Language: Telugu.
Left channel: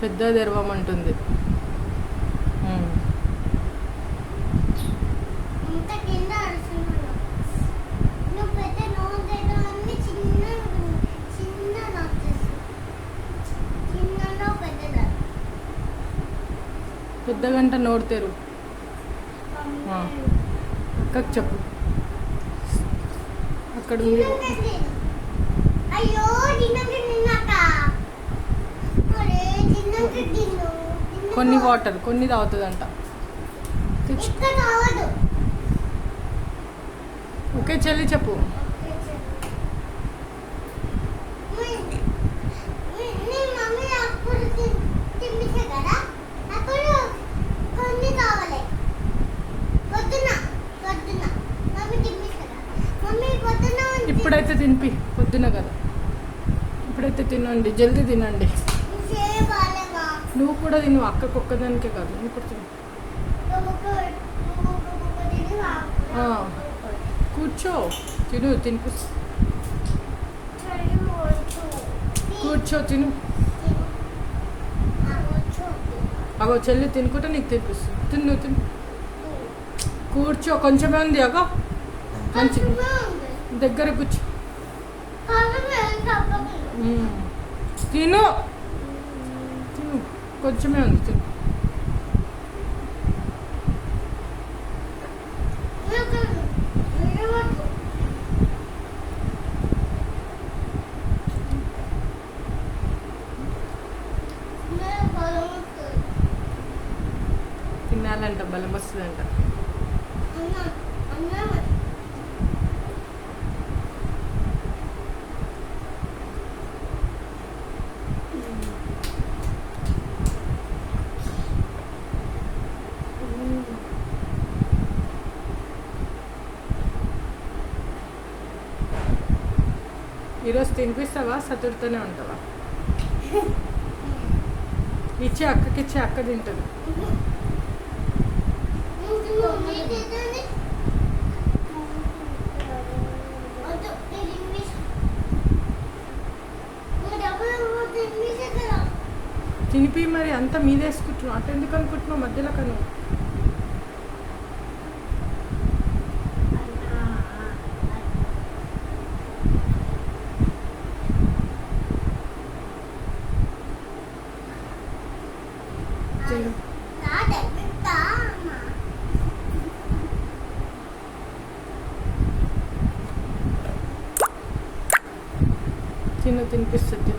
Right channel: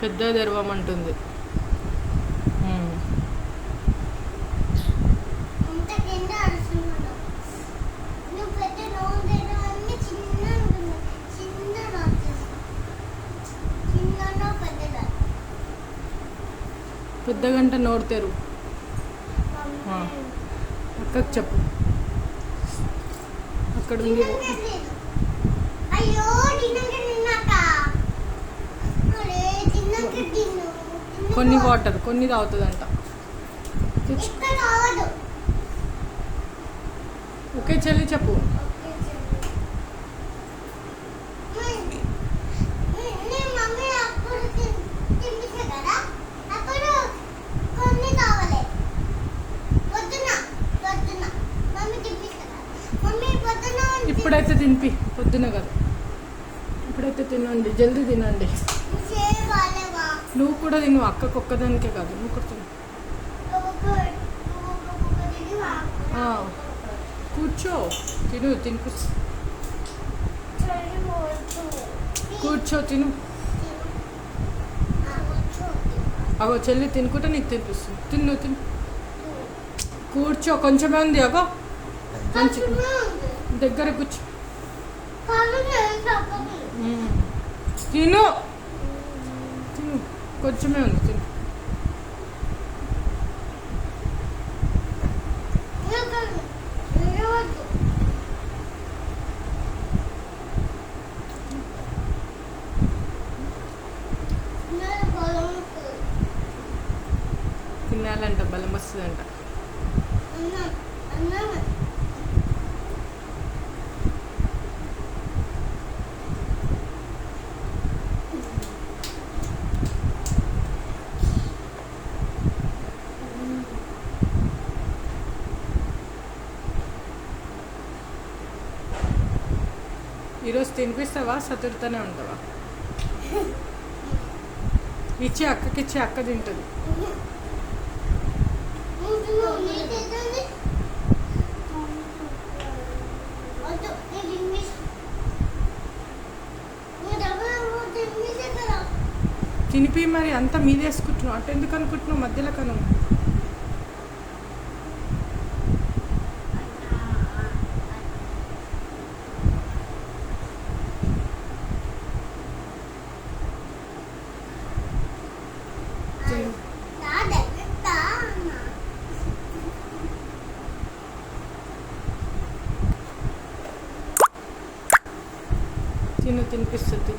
పెద్ద తెరవమంటుంది. పెద్ద గంట నోరు తెరు. అక్కకు చెప్పు. అక్కడ ఉంది. కొన్ని వాటర్ కొన్ని తాగుతుందంట. ఓకే చెల్లి చెప్పు. ఇప్పుడైతే తినిపి, పొద్దున కదా. ఇప్పుడైతే తినండి, జల్దీ తినండి. నువ్వు కూడా తిను, అక్కకు ఒక్కదానికే కాదు, నువ్వు కూడా తిను. కూర్చో తిను, తినిపి. కూర్చో తిను. అగో చెల్లి తినుకుంటే నీకు తినిపిస్తుంది. తిను తిను. కూర్చో, కొంచెమే ఉంది. అగో మంచి దగ్గర కూర్చో. తిను తిను, కొంచెమే ఉంది. తిను. తినాలంట, బలం వస్తుందంట. ఈరోజు తినిపిస్తావా, సతురుతూనే ఉంటావా? ఇచ్చి అక్కకిచ్చి, అక్క తింటుంది. తినిపి మరి, అంతా మీదేసుకుంటున్నావు. అటు ఎందుకు అనుకుంటున్నావు మధ్యలో కను? తిను, తినిపిస్తుంది.